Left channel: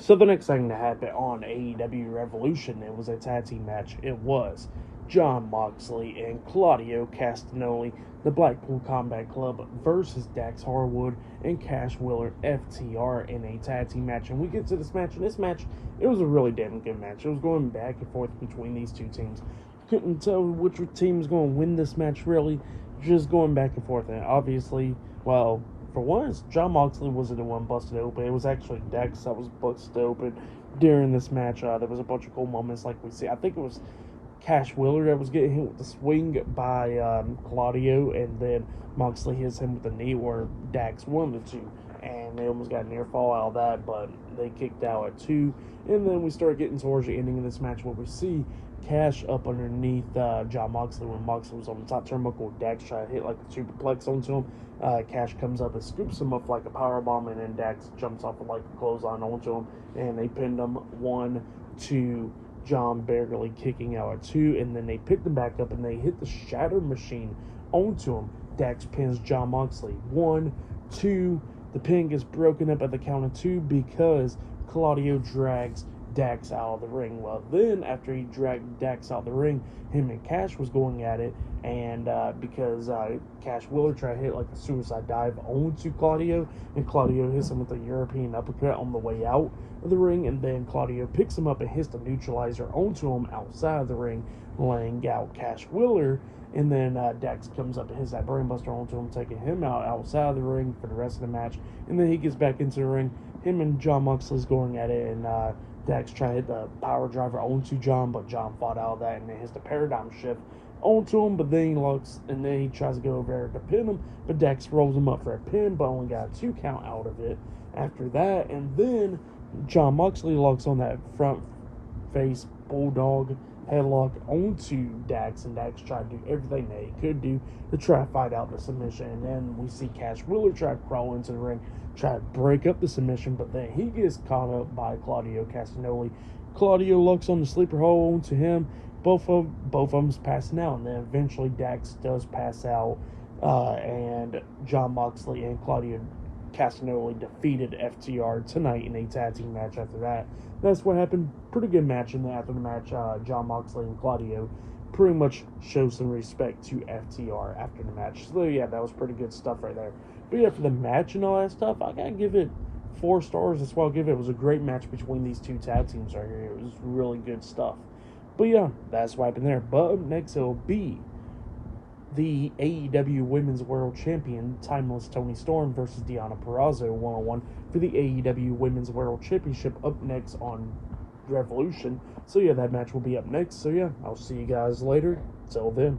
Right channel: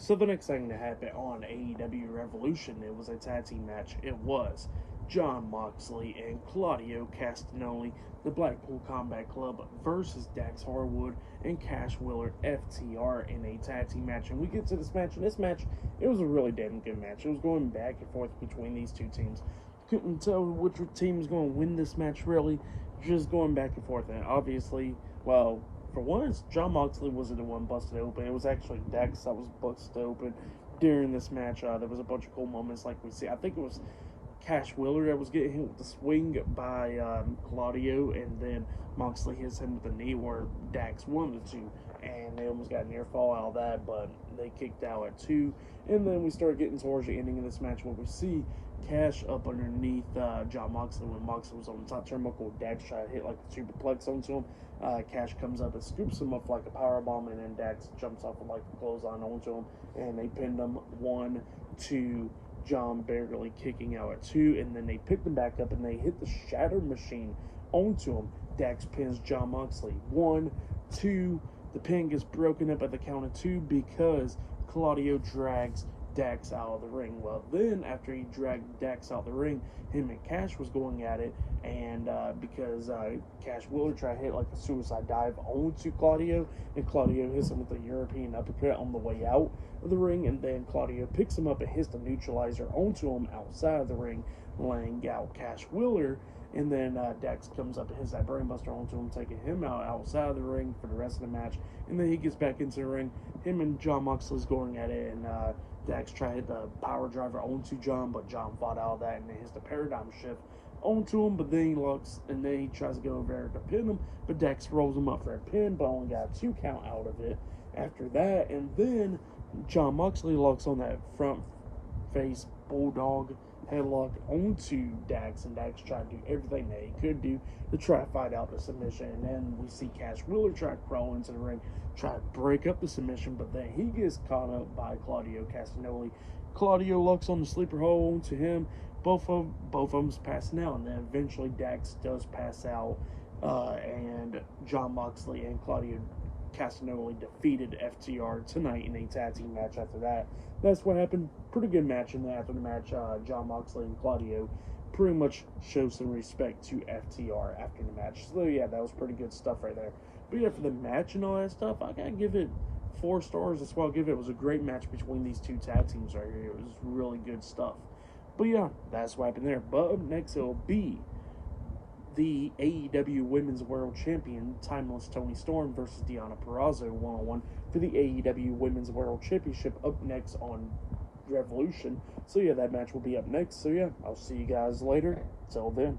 So the next thing to happen on AEW Revolution, it was a tag team match. It was Jon Moxley and Claudio Castagnoli, the Blackpool Combat Club, versus Dax Harwood and Cash Wheeler FTR in a tag team match. And we get to this match, and this match, it was a really damn good match. It was going back and forth between these two teams. Couldn't tell which team was going to win this match, really. Just going back and forth. And obviously, well, for once, Jon Moxley wasn't the one busted open. It was actually Dax that was busted open during this match. There was a bunch of cool moments like we see. I think it was Cash Wheeler that was getting hit with the swing by Claudio, and then Moxley hits him with the knee, where Dax won the two. And they almost got a near fall out of that, but they kicked out at 2. And then we start getting towards the ending of this match, where we see Cash up underneath Jon Moxley when Moxley was on the top turnbuckle. Dax tried to hit like a superplex onto him. Cash comes up and scoops him up like a powerbomb, and then Dax jumps off with like a clothesline onto him, and they pinned him 1, 2. John barely kicking out at 2, and then they picked him back up and they hit the shatter machine onto him. Dax pins Jon Moxley 1, 2. The pin gets broken up at the count of 2 because Claudio drags Dax out of the ring. Well, then after he dragged Dax out of the ring, him and Cash was going at it, and because Cash Wheeler tried to hit like a suicide dive onto Claudio, and Claudio hits him with a European uppercut on the way out of the ring, and then Claudio picks him up and hits the neutralizer onto him outside of the ring, laying out Cash Wheeler. And then Dax comes up and hits that brainbuster onto him, taking him out outside of the ring for the rest of the match. And then he gets back into the ring. Him and Jon Moxley's going at it, and Dax tried to hit the power driver onto Jon, but Jon fought out of that, and then hits the paradigm shift onto him. But then he looks, and then he tries to go over there to pin him, but Dax rolls him up for a pin, but only got a 2 count out of it after that. And then Jon Moxley locks on that front face bulldog headlock onto Dax, and Dax tried to do everything that he could do to try to fight out the submission. And then we see Cash Wheeler try to crawl into the ring, try to break up the submission, but then he gets caught up by Claudio Castagnoli. Claudio looks on the sleeper hole onto him. Both of them's passing out, and then eventually Dax does pass out, and Jon Moxley and Claudio Castagnoli defeated FTR tonight in a tag team match after that. That's what happened. Pretty good match, and after the match, Jon Moxley and Claudio pretty much show some respect to FTR after the match. So yeah, that was pretty good stuff right there. But yeah, for the match and all that stuff, I gotta give it 4 stars. That's what I'll give it. It was a great match between these two tag teams right here. It was really good stuff. But yeah, that's what happened there. But up next, it'll be the AEW Women's World Champion, Timeless Toni Storm, versus Deonna Purrazzo 1-on-1 for the AEW Women's World Championship up next on Revolution. So yeah, that match will be up next. So yeah, I'll see you guys later. Till then.